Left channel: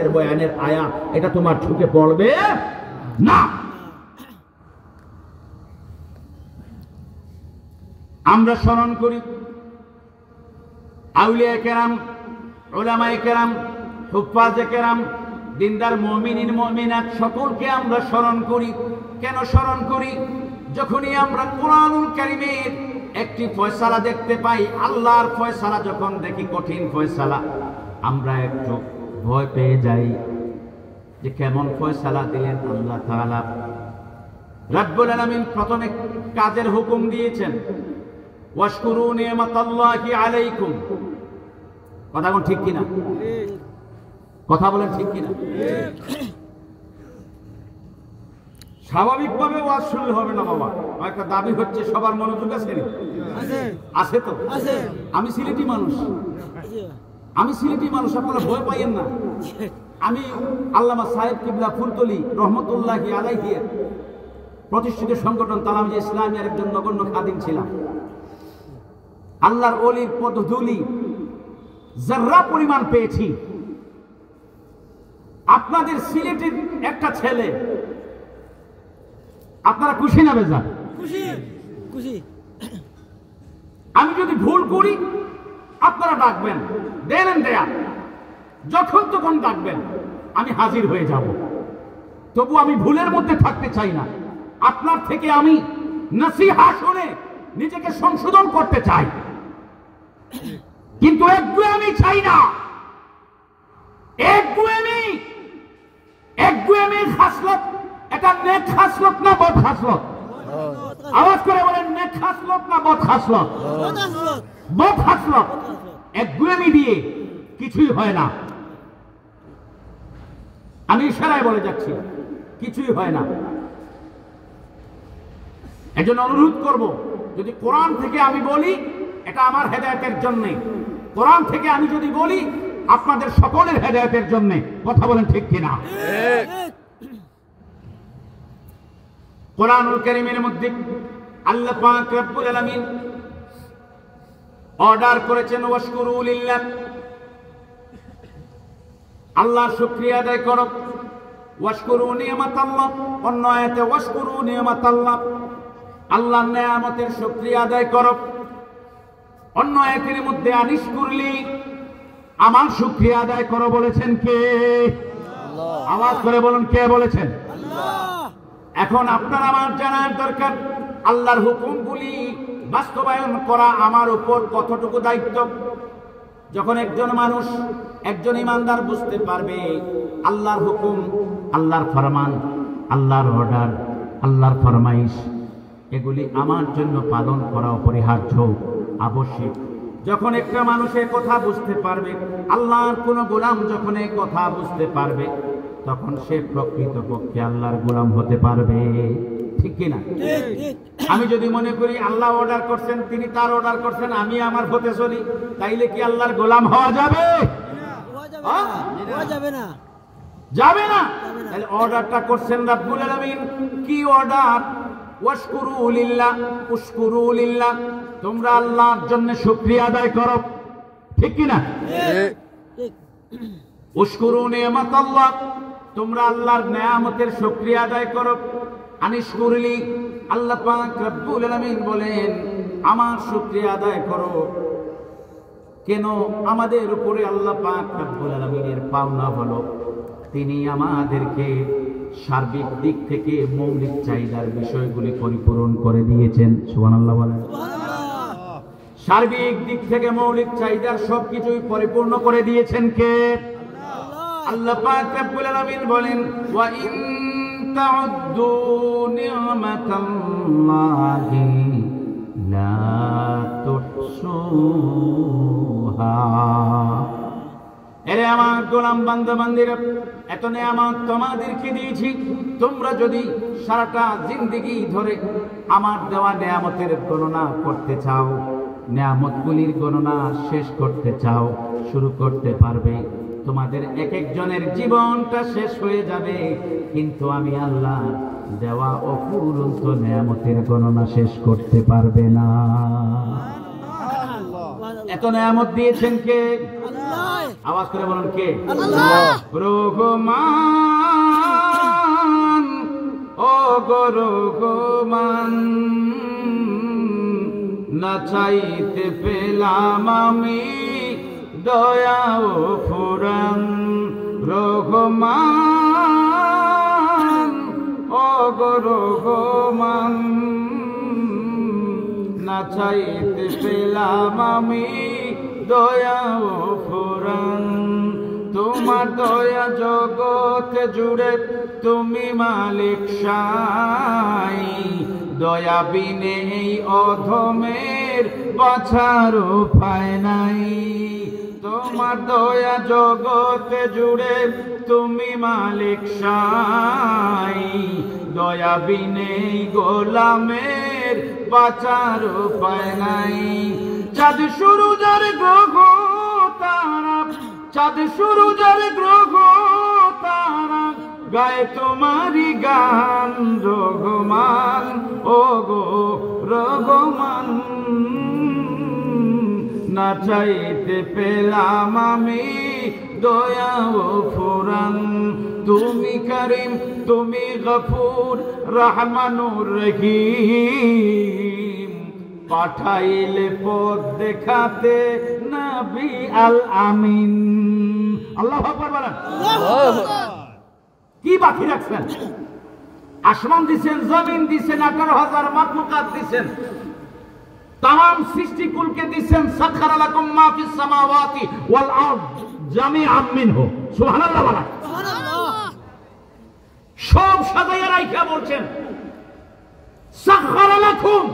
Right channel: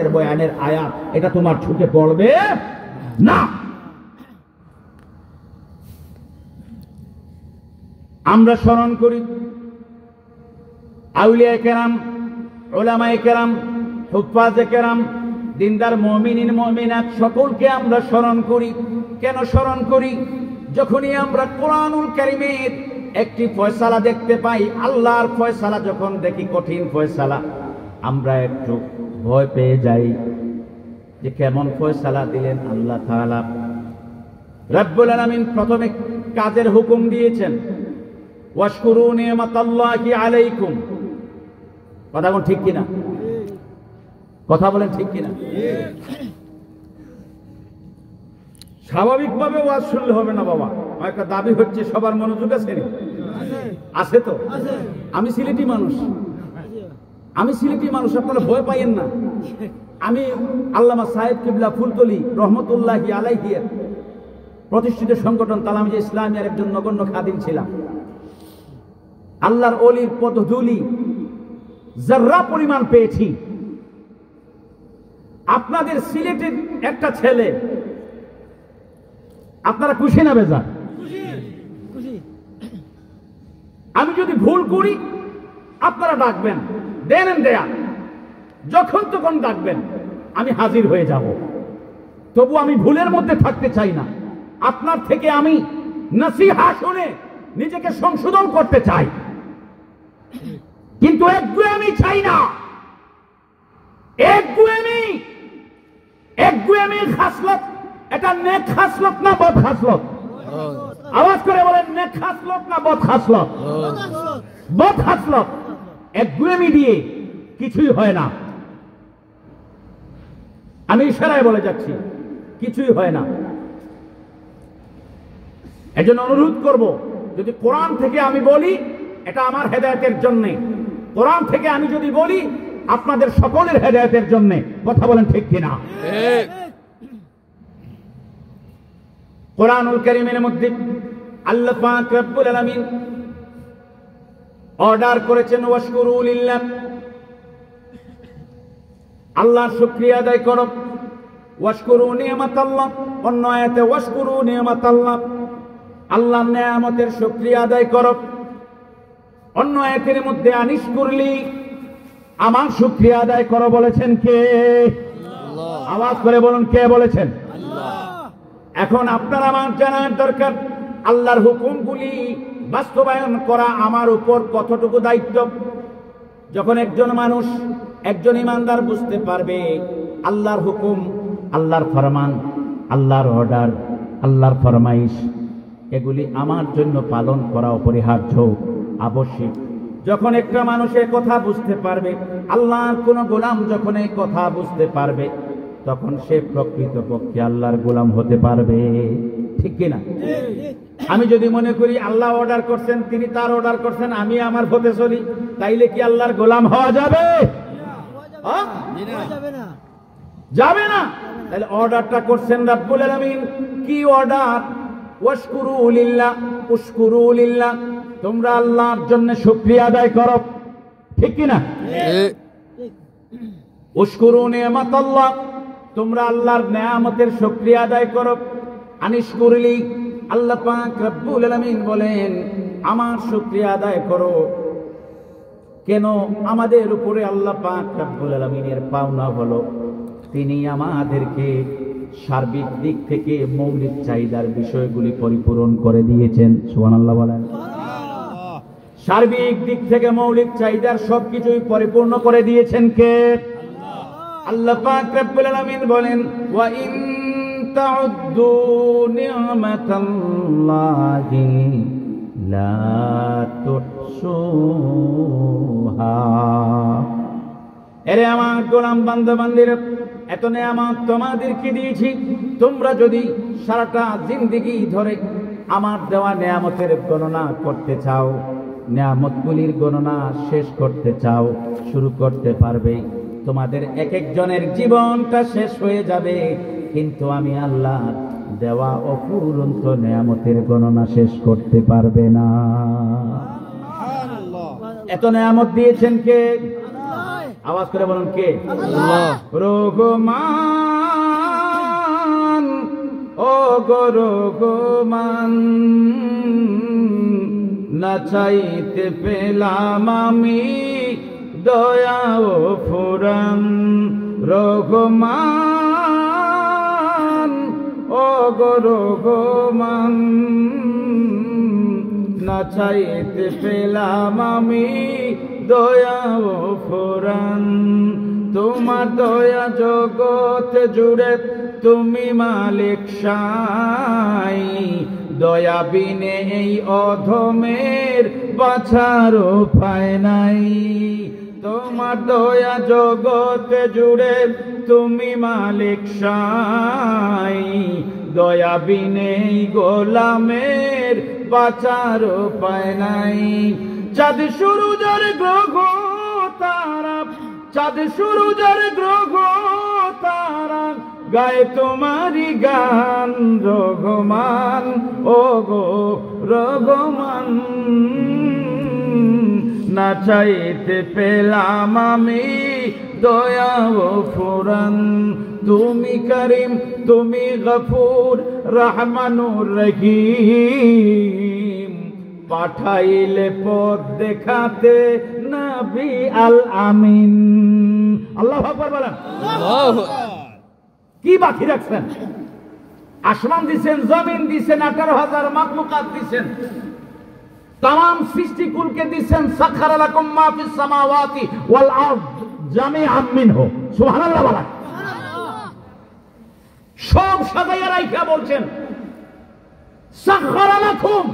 এর বয়ানের আয়াত এটা তোমার ঢুকে পড়বে না। আমরা স্মরণ করি আউলিয়া কেরাম, উলামায়ে কেরাম, হুফাজে কেরাম, দিনদার মুমিনিন মুমিনাত সকলকে আমরা স্মরণ করি। কেন স্মরণ করি? যখনই আমরা কোরআনুল কারীমের একটি ফয়সালা দেখতে পাই, আল্লাহর ফয়সালা যখন দেখি, কঠিন ফয়সালা, আমরা একটু ভয় পেয়ে যাই যে কেমন ফয়সালা দিলেন আল্লাহ তাআলা। রব্বুল আলামিন প্রথমে কাজের হুকুম দিয়েছেন, ওয়াশকুরু নি'মাতাল্লাহি আলাইকুম। কথা কোন ঠিক কিনা? কথা বলেন ঠিক কিনা? স্বাভাবিকভাবে ওয়াজ শুনলে হবে না বাবা, একটা দাবি হচ্ছে সবার মনোযোগ আছে আছে তো? আমি সিলেটি মানুষ, আপনারা ভয় পাইয়েন না। আমি আল্লামা সাহেব কিবলা ফুলতলি রহমতুল্লাহি আলাইহি প্রতিষ্ঠিত সংগঠন তালামিজে ইসলামিয়ার একজন নগণ্য খাদিম ছিলাম। আল্লাহর ওলির পদধূলি যার্রা পরিমাণ পেয়েছি। আপনাদের সিলেটের একটা ছেলে, আপনারা খুশি না বেজার? আমি যদি ভুল করি আপনারা ডাকবেন, দেন দেয়া, যখন তখন ডাকবেন, আমি হাজির হয়ে যাব। তবু আমি ভুলের মধ্যে থাকতে চাই না। আপনার থেকে আমি নসিহা শুনে নিজেকে সংশোধন করতে চাই, কিন্তু একগুঁয়েমি চাই না। একগুঁয়েমি খাসলত, এটা নেক খাসলত না বদ খাসলত? আওয়াজ করে বলেন, নেক খাসলত না বদ খাসলত? বদ খাসলত। একগুঁয়েমি দিয়ে কিছুই হয় না। আমি ইশারায় বলে যাচ্ছি, কিছুই হয় না। এজন্য অনুরোধ করব, যদি কোরআন থেকে আমি বলি, এটা আমার হেদায়েতের জন্য। কোরআন থেকে আমি যদি বলি, আপনাদের সকলের হেদায়েতের জন্য। কথা বলেন ঠিক কিনা? কোরআনুল কারীমের মধ্যে আল্লাহ পাক রব্বুল আলামিন অর্ডার করেছেন, ওয়াশকুরু লিল্লাহ, আল্লাহর শুকরিয়া আদায় করো। ওয়াশকুরু নি'মাতাল্লাহ, অন্য আয়াতে ওয়াশকুরু নি'মাতাল্লাহ, আল্লাহর নেয়ামতের শুকরিয়া আদায় করো। অন্য আয়াতের মধ্যে আনিশকুরলি, আমার শুকরিয়া আদায় করো বলেছেন কে? আল্লাহ। আওয়াজ করে বলুন, কে বলেছেন? আল্লাহ। এখন আপনার আমার জানার দরকার, আল্লাহর হুকুমগুলি বাস্তবায়ন করা আমার উপর কতটুকু দায়িত্ব। যখন একজন মানুষ, একজন ইমানদার বুঝতে পারবে আল্লাহর হুকুম, আল্লাহর ফরমান, আল্লাহর অর্ডার, আল্লাহর ফরমাইশ, এগুলি আমার জন্য পালন করা অপরিহার্য, আবশ্যক। যখন একটা মানুষ এই কথা বুঝতে পারবে, আল্লাহর কোন গোলাম যখন এই কথা বুঝতে পারবে, তখন সে প্রকৃতপক্ষে আল্লাহর গোলাম হতে পারবে। ঠিক কিনা? আমি যদি মনে করি আল্লাহ অর্ডার করছেন, তিনি তার অর্ডার করছেন, আমি আমার হতে চলি, তাইলে কি আল্লাহর গোলাম হওয়া যাবে? যাবে না। তাহলে অর্ডারটা করছেন রব্বুল আলামিন। কি অর্ডার? ওয়াশকুরু লিল্লাহ, উশকুরু লিল্লাহ, তোমরা আল্লাহর জন্য শুকরিয়া আদায় করো। ঠিক কিনা? উশকুরু নি'মাতাল্লাহ, তোমরা আল্লাহর নেয়ামতের শুকরিয়া আদায় করো। আনিশকুরলি, আল্লাহ পাক রব্বুল আলামিন বলেন আমার শুকরিয়া আদায় করো। কেন? আমাদের উপরে আল্লাহ পাক রব্বুল আলামিনের পাওনা হলো, তিনি আমাদেরকে সার্বিক দিক থেকে মৌলিক চাহিদার বিষয়গুলি পরিপূরণ করে দিয়েছেন। সুবহানাল্লাহ বলেন। সার্বিক দিক থেকে মৌলিক চাহিদার সবকিছুই পরিপূর্ণ করে দিয়েছেন কে? আল্লাহ পাক রব্বুল আলামিন বলেন, ওয়া ইন তাউদ্দু নি'মাতাল্লাহি লা তুহসুহা। এরে আমার গোলাম বান্দা-বান্দীরা, এত নেয়ামত তোমাদেরকে দিয়েছি, তোমরা যদি সারাটা জিন্দেগি ধরে আমার দেওয়া নেয়ামতের গণনা করতে চাও, নেয়ামতগুলির গণনা শেষ করতে চাও, শুরু করতে পারবে। তোমাদের এক একজনের জীবনটা শেষ হয়ে যাবে, কিন্তু আমি আল্লাহ দেওয়া অফুরন্ত নেয়ামতের গণনা শেষ করতে পারবে না। এত নেয়ামত দিয়েছেন কে? আওয়াজ করে বলুন কে? আল্লাহ। রহমান, ও গো রহমান, না চাইতে পেলাম আমি দয়া ও ফুরান। রহমান, ও গো রহমান, না চাইতে পেলাম আমি দয়া ও ফুরান। তোমার দয়া জগৎ জুড়ে তুমি মালিক সাই, দয়া বিনে এই অধমের বাঁচার উপায় নাই। তোমার দয়া জগৎ জুড়ে তুমি মালিক সাই, দয়া বিনে এই গোলামের বাঁচার উপায় নাই। চাঁদ সূরজের গ্রহ তারা, চাঁদ সূরজের গ্রহ তারা গায়ে তোমারি গান। রহমান, ও গো রহমান, না চাইতে পেলাম আমি দয়া ও ফুরান। তুমি করিম, তুমি গফুর, রহমানুর রহিম, পাঠাইলে পথ দেখাতে নবী আল আমিন। আল্লাহু আকবার বলেন। কি বাকি রাখছেন? আসমান দিছেন, জমিন দিছেন, 18,000 মাখলুকাত দিছেন, तमाम সৃষ্টিকুলকে দিছেন। সাখারা লাকুম মা ফিস সামাওয়াতি ওয়াল আরদ জামিআন মিনহু। সুবহানাল্লাহ বলেন। সব সাজাইয়া রাইখা বলছেন সাখারা লাকুম,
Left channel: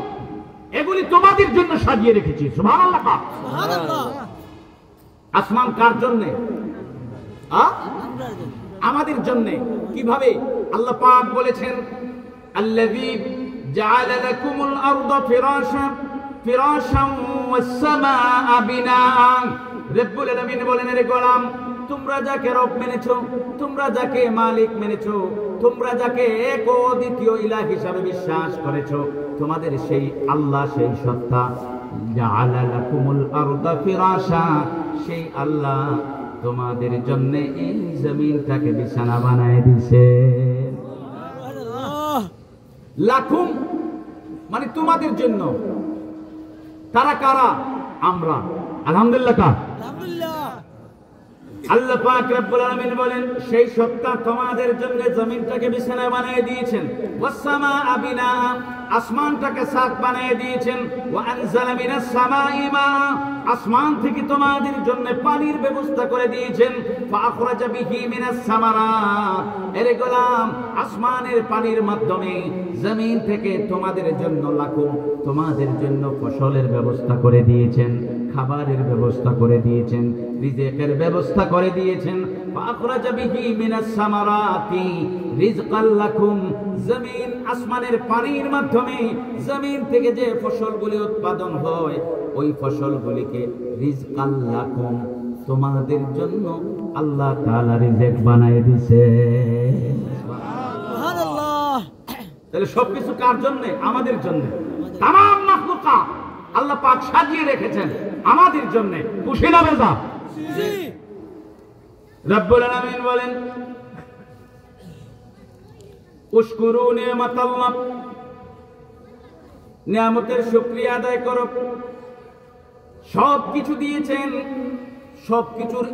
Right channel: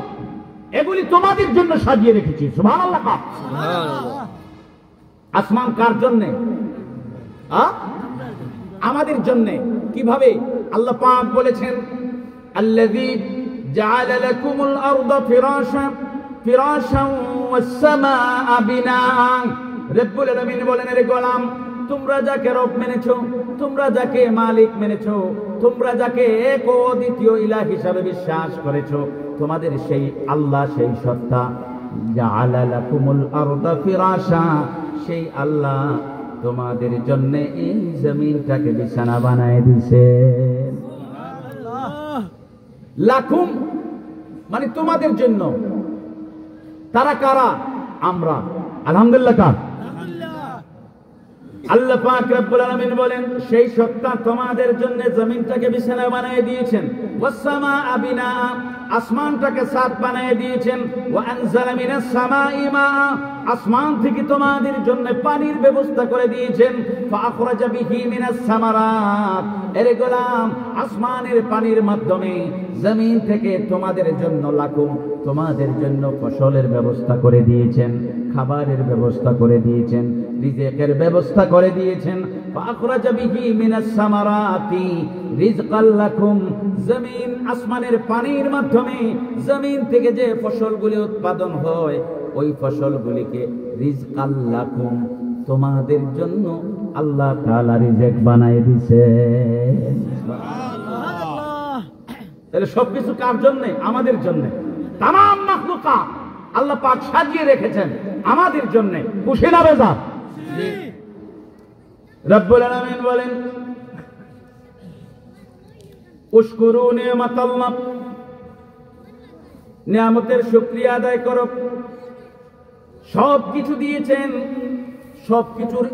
এগুলি তোমাদের জন্য সাজিয়ে রেখেছি। সুবহানাল্লাহ। আসমান কার জন্য? আমাদের জন্য। কিভাবে? আল্লাহ পাক বলেছেন আল্লাযী জাআলা লাকুমুল আরদা ফিরাশান ফিরাশান ওয়াস সামাআ বিনাআন। রব্বুল আলামিন বলেন, রে গোলাম, তোমরা যাকে রব মেনেছো, তোমরা যাকে মালিক মেনেছো, তোমরা যাকে এক ও দ্বিতীয় ইলাহ হিসাবে বিশ্বাস করেছো, তোমাদের সেই আল্লাহ, সেই সত্তা জাআলা লাকুমুল আরদা ফিরাশা, সেই আল্লাহ তোমাদের জন্য এই জমিনটাকে বিছানা বানায় দিয়েছে। লাকুম মানে তোমাদের জন্য। তারা কারা? আমরা। আলহামদুলিল্লাহ। কার? আল্লাহ পাক রব্বুল আলামিন বলেন, সেই সত্তা তোমাদের জন্য জমিনটাকে বিছানা বানিয়ে দিয়েছেন। ওয়াস সামাআ বিনাআ, আসমানটাকে ছাদ বানিয়ে দিয়েছেন। ওয়া আনজালা মিনাস সামাই মাআ, আসমান থেকে তোমাদের জন্য পানির ব্যবস্থা করে দিয়েছেন। ফাখরাজা বিহি মিনাস সামারাত, এরে গোলাম, আসমানের পানির মাধ্যমে জমিন থেকে তোমাদের জন্য লাকুম, তোমাদের জন্য ফসলের ব্যবস্থা করে দিয়েছেন, খাবারের ব্যবস্থা করে দিয়েছেন, রিজিকের ব্যবস্থা করে দিয়েছেন। ফাখরাজা বিহি মিনাস সামারাতি রিজকাল লাকুম, জমিন আসমানের পানির মাধ্যমে জমিন থেকে যে ফসলগুলি উৎপাদন হয়, ওই ফসলগুলিকে রিজকাল লাকুম, তোমাদের জন্য আল্লাহ তাআলা রিজিক বানায় দিয়েছে। সুবহানাল্লাহ। তাহলে সবকিছু কার জন্য? আমাদের জন্য। तमाम মাখলুকাত আল্লাহ পাক সাজিয়ে রেখেছেন আমাদের জন্য। খুশি না বেজা? জি। রব্বুল আলামিন বলেন, উশকুরু নিয়ামাতাল্লাহ, নিয়ামতের শুকরিয়া আদায় করো। সব কিছু দিয়েছেন, সবকিছুর